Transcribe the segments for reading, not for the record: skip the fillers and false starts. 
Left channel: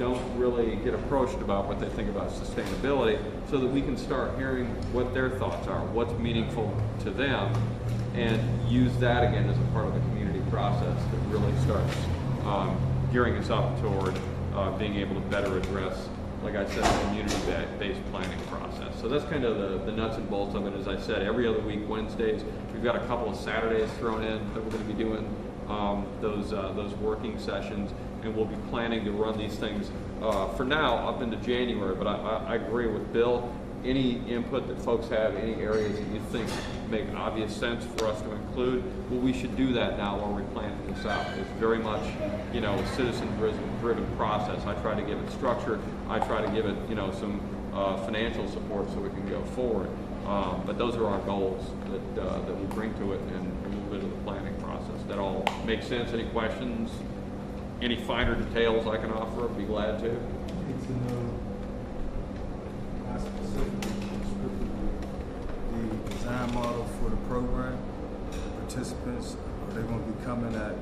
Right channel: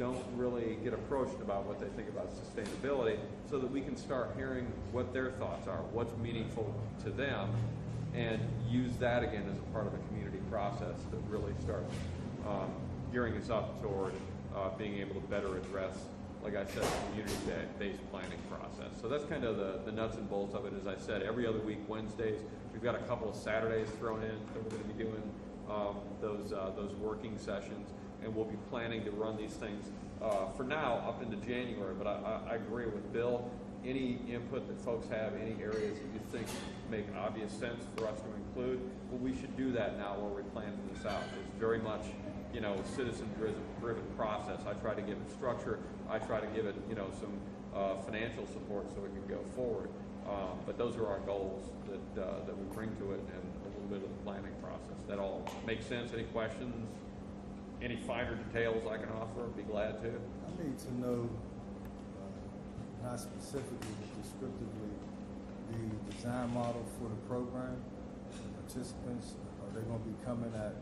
don't really get approached about what they think about sustainability, so that we can start hearing what their thoughts are, what's meaningful to them, and use that again as a part of the community process that really starts gearing us up toward being able to better address, like I said, the community-based planning process. So that's kind of the nuts and bolts of it. As I said, every other week, Wednesdays, we've got a couple of Saturdays thrown in that we're going to be doing those working sessions, and we'll be planning to run these things for now up into January. But I agree with Bill. Any input that folks have, any areas that you think make obvious sense for us to include, well, we should do that now while we're planning this out. It's very much, you know, a citizen-driven process. I try to give it structure. I try to give it, you know, some financial support so we can go forward. But those are our goals that we bring to it, and a little bit of the planning process. That all makes sense? Any questions? Any finer details I can offer? I'd be glad to. I need to know, not specifically, the design model for the program. The participants, are they going to be coming at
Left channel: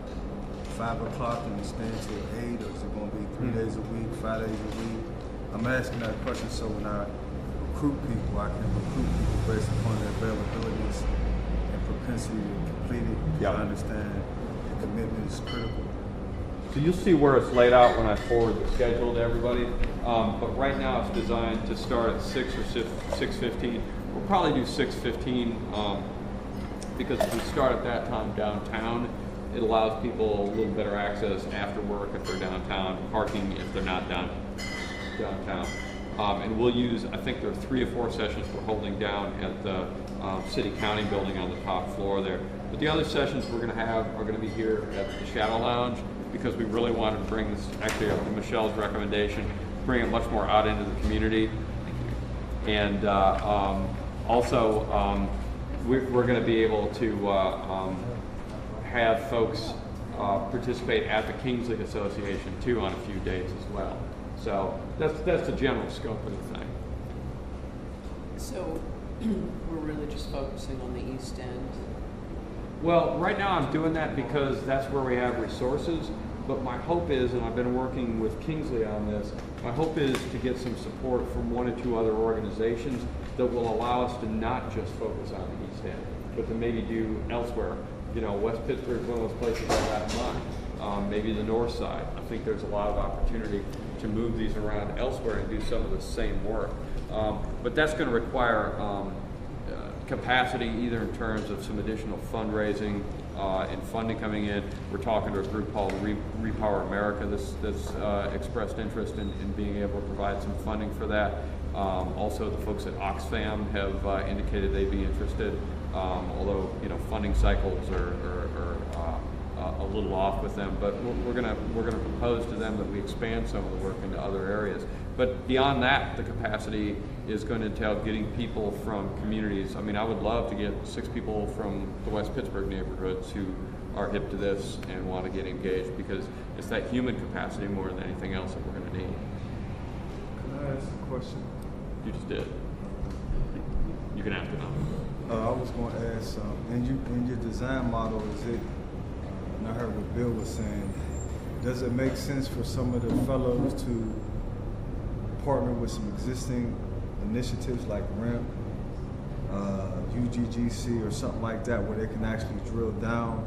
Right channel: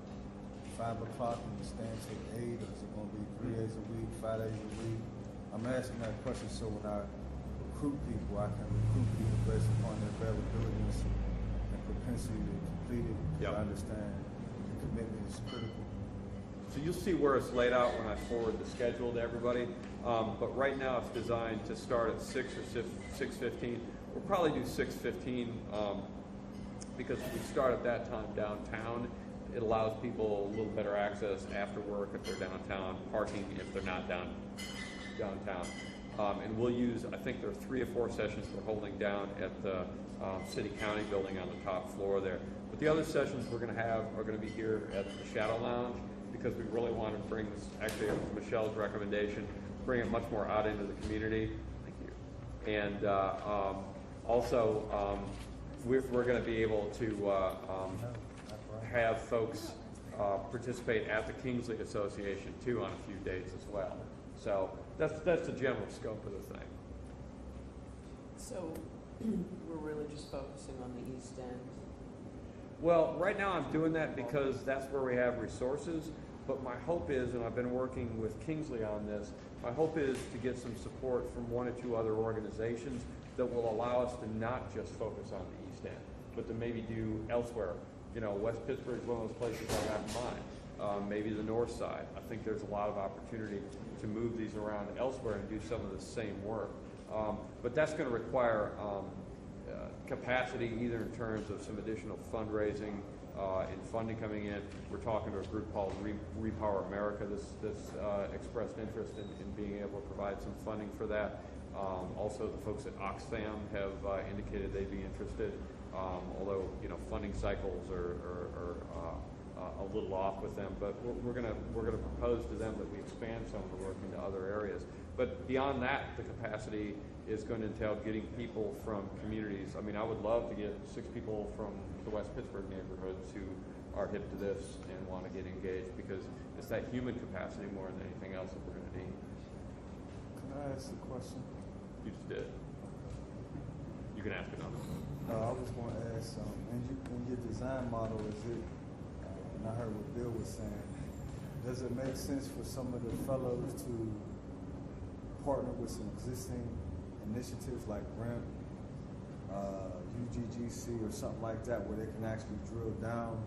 5 o'clock and staying till 8, or is it going to be 3 days a week, 5 days a week? I'm asking that question so when I recruit people, I can recruit people based upon their availabilities and propensity to complete it. Yep. I understand the commitment is critical. So you'll see where it's laid out when I forward the schedule to everybody. But right now it's designed to start at 6 or 6:15. We'll probably do 6:15 because if we start at that time downtown, it allows people a little better access after work if they're downtown, parking if they're not downtown. And we'll use, I think there are 3 or 4 sessions we're holding down at the city-county building on the top floor there. But the other sessions we're going to have are going to be here at the Shadow Lounge, because we really wanted to bring this, actually up to Michelle's recommendation, bring it much more out into the community. Thank you. And also, we're going to be able to have folks participate at the Kingsley Association too on a few days as well. So that's the general scope of the thing. So we're really just focusing on the East End. Well, right now I'm doing that because that's where we have resources, but my hope is, and I've been working with Kingsley on this, my hope is to get some support from 1 or 2 other organizations that will allow us to not just focus on the East End, but to maybe do elsewhere. You know, West Pittsburgh is one of those places I got in mind. Maybe the north side. I think there's a lot of opportunity to move these around elsewhere and do some of the same work. But that's going to require capacity, either in terms of some additional fundraising and funding coming in. We're talking to a group called Repower America that's expressed interest in being able to provide some funding for that. Also, the folks at Oxfam have indicated they'd be interested, although, you know, funding cycles are a little off with them. But we're gonna propose to them that we expand some of the work into other areas. But beyond that, the capacity is going to entail getting people from communities. I mean, I would love to get 6 people from the West Pittsburgh neighborhoods who are hip to this and want to get engaged, because it's that human capacity more than anything else that we're going to need. Can I ask a question? You just did. You can ask it now. I was going to ask, in your design model, is it, I heard what Bill was saying, does it make sense for some of the fellows to partner with some existing initiatives like REMP, UGGC, or something like that, where they can actually drill down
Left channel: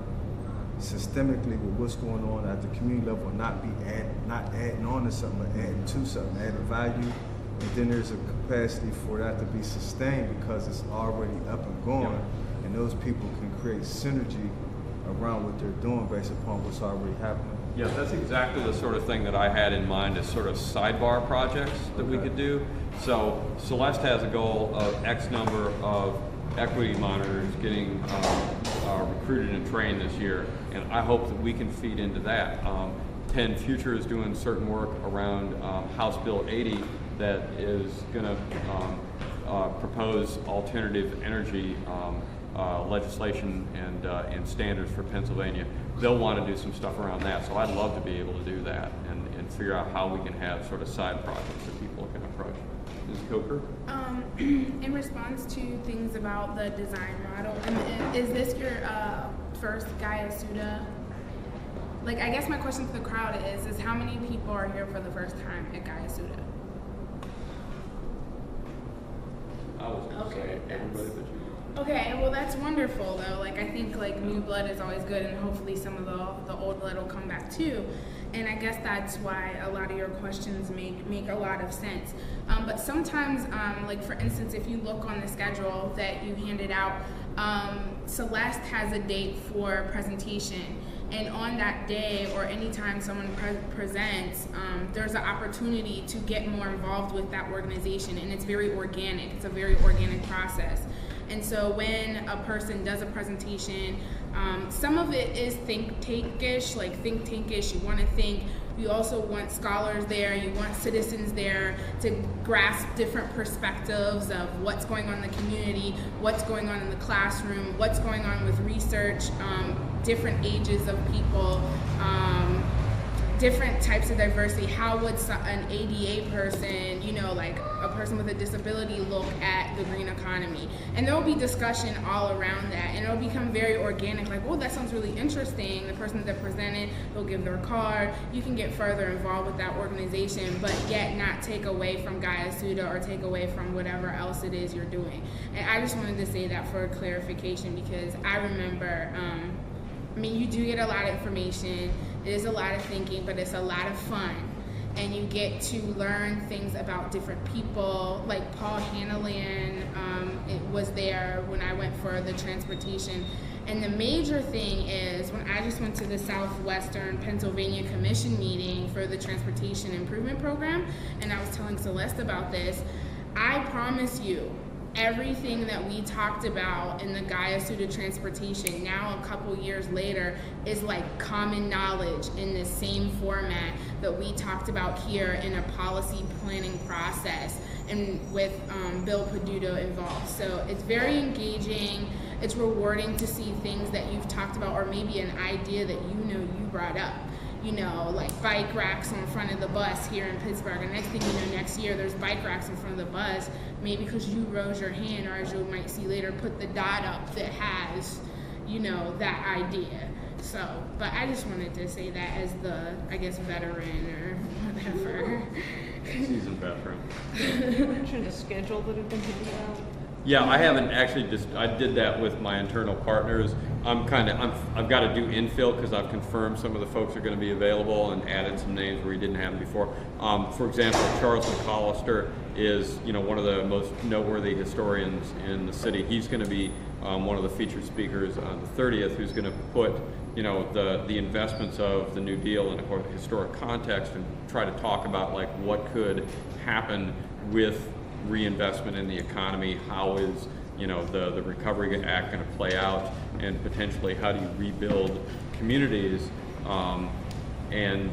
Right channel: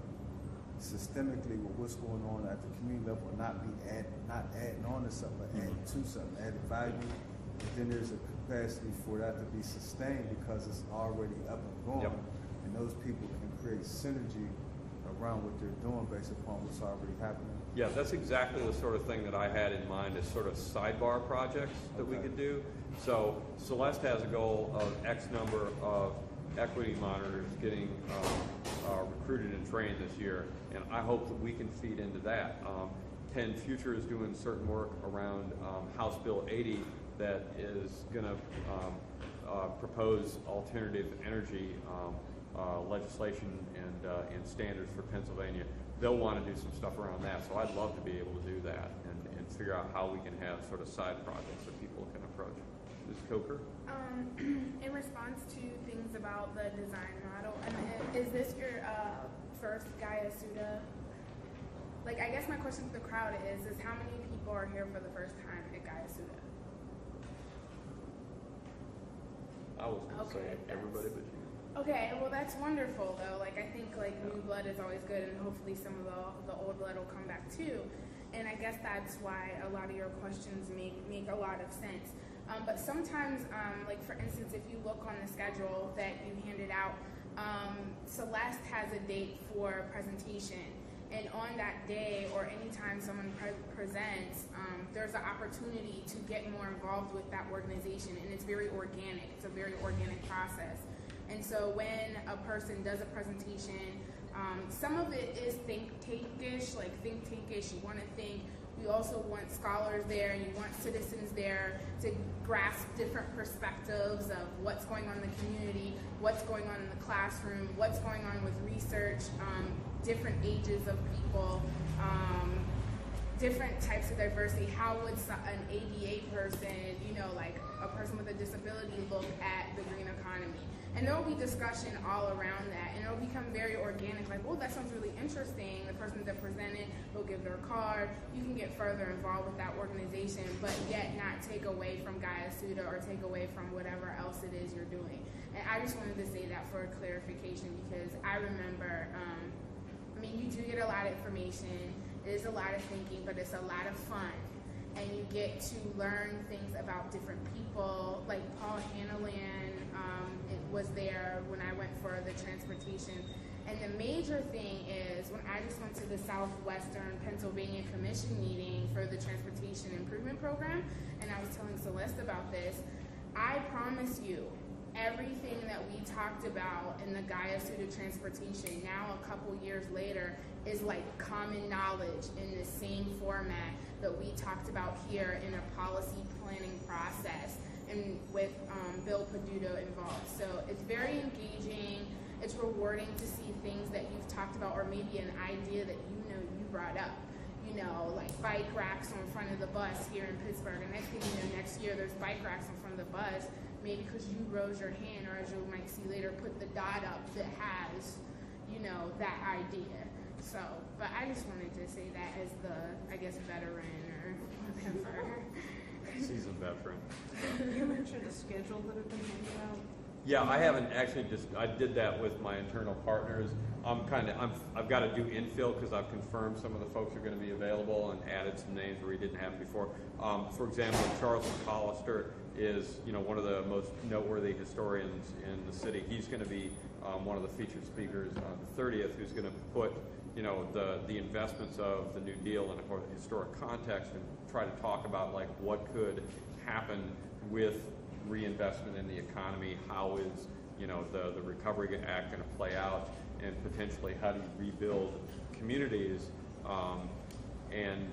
systemically with what's going on at the community level, and not adding on to something, but adding to something, adding value, and then there's a capacity for that to be sustained because it's already up and going, and those people can create synergy around what they're doing based upon what's already happening. Yeah, that's exactly the sort of thing that I had in mind as sort of sidebar projects that we could do. So Celeste has a goal of X number of equity monitors getting recruited and trained this year, and I hope that we can feed into that. Penn Future is doing certain work around House Bill 80 that is going to propose alternative energy legislation and standards for Pennsylvania. They'll want to do some stuff around that, so I'd love to be able to do that and figure out how we can have sort of side projects that people can approach. Ms. Coker? In response to things about the design model, is this your first Guyasuta like, I guess my question to the crowd is how many people are here for the first time at Guyasuta? I was gonna Okay, say that's- everybody but you. Okay, well that's wonderful though. Like I think like new blood is always good, and hopefully some of the old blood will come back too. And I guess that's why a lot of your questions make a lot of sense. But sometimes, like for instance, if you look on the schedule that you handed out, Celeste has a date for presentation. And on that day, or anytime someone presents, there's an opportunity to get more involved with that organization, and it's very organic. It's a very organic process. And so when a person does a presentation, some of it is think tankish, like think tankish. You want to think. You also want scholars there. You want citizens there to grasp different perspectives of what's going on in the community, what's going on in the classroom, what's going on with research, different ages of people, different types of diversity. How would an ADA person, you know, like a person with a disability look at the green economy? And there will be discussion all around that, and it'll become very organic, like, oh, that sounds really interesting. The person that presented will give their card. You can get further involved with that organization, but yet not take away from Guyasuta or take away from whatever else it is you're doing. And I just wanted to say that for clarification, because I remember, I mean, you do get a lot of information. It is a lot of thinking, but it's a lot of fun. And you get to learn things about different people. Like Paul Hannalan, it was there when I went for the transportation. And the major thing is, when I just went to the Southwestern Pennsylvania Commission meeting for the Transportation Improvement Program, and I was telling Celeste about this, I promise you, everything that we talked about in the Guyasuta transportation now a couple years later is like common knowledge in the same format that we talked about here in a policy planning process, and with Bill Pedutos involved. So it's very engaging. It's rewarding to see things that you've talked about, or maybe an idea that you brought up. You know, like bike racks on front of the bus here in Pittsburgh. And next thing you know, next year there's bike racks in front of the bus, maybe because you rose your hand, or as you might see later, put the dot up that has, you know, that idea. So, but I just wanted to say that as the, I guess, veteran or whatever. Seasoned veteran. You mentioned a schedule that had been given out. Yeah, I haven't actually I did that with my internal partners. I've got to do infill because I've confirmed some of the folks are going to be available and added some names where we didn't have them before. For example, Charles McCollister is, you know, one of the most noteworthy historians in the city. He's going to be one of the featured speakers on the 30th, who's going to put, you know, the investments of the New Deal in a historic context and try to talk about like what could happen with reinvestment in the economy. How is, you know, the Recovery Act going to play out, and potentially how do you rebuild communities, and,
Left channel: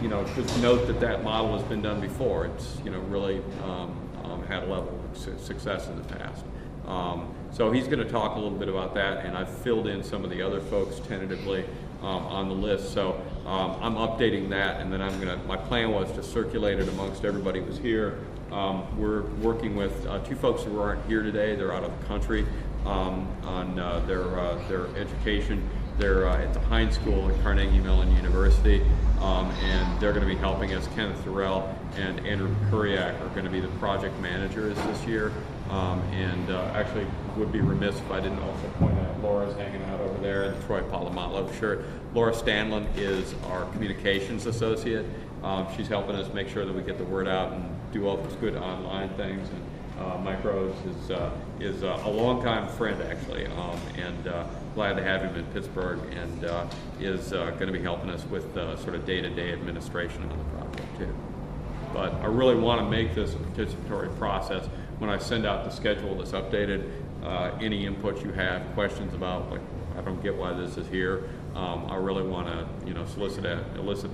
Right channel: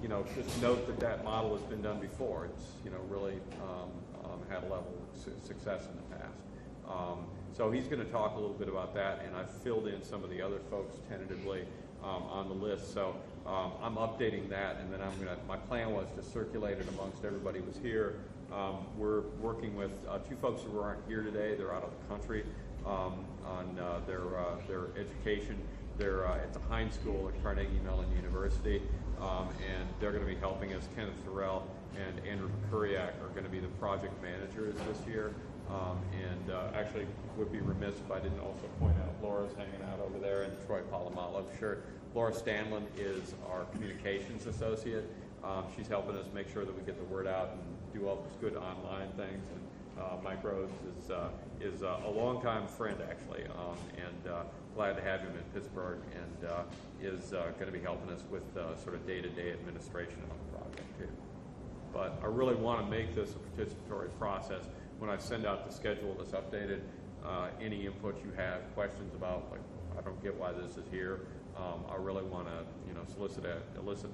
you know, just note that model has been done before. It's, you know, really had a level of success in the past. So he's going to talk a little bit about that, and I've filled in some of the other folks tentatively on the list. So I'm updating that, and then my plan was to circulate it amongst everybody who was here. We're working with two folks who aren't here today. They're out of the country on their education. They're at the Heinz School at Carnegie Mellon University, and they're going to be helping us. Kenneth Thorell and Andrew Kuriak are going to be the project managers this year. And actually would be remiss if I didn't also point out Laura's hanging out over there in the Troy Polamalu shirt. Laura Stanlin is our communications associate. She's helping us make sure that we get the word out and do all those good online things. And Mike Rhodes is a longtime friend, actually, and glad to have him in Pittsburgh, and is going to be helping us with sort of day-to-day administration on the project too. But I really want to make this a participatory process. When I send out the schedule that's updated, any input you have, questions about, like, I don't get why this is here, I really want to, you know, elicit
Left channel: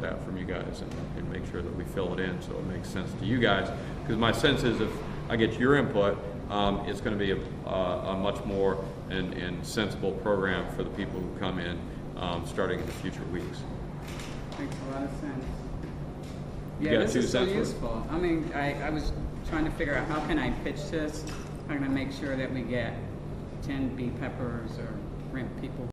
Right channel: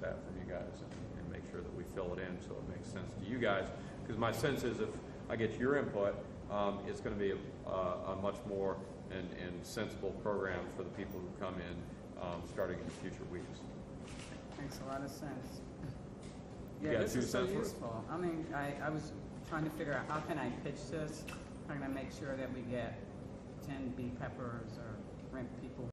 that from you guys, and make sure that we fill it in so it makes sense to you guys. Because my sense is if I get your input, it's going to be a much more and sensible program for the people who come in, starting in the future weeks. Makes a lot of sense. You Yeah, got this 2 is so cents worth? useful. I mean, I was trying to figure out how can I pitch this? How can I make sure that we get 10 bee peppers or rent people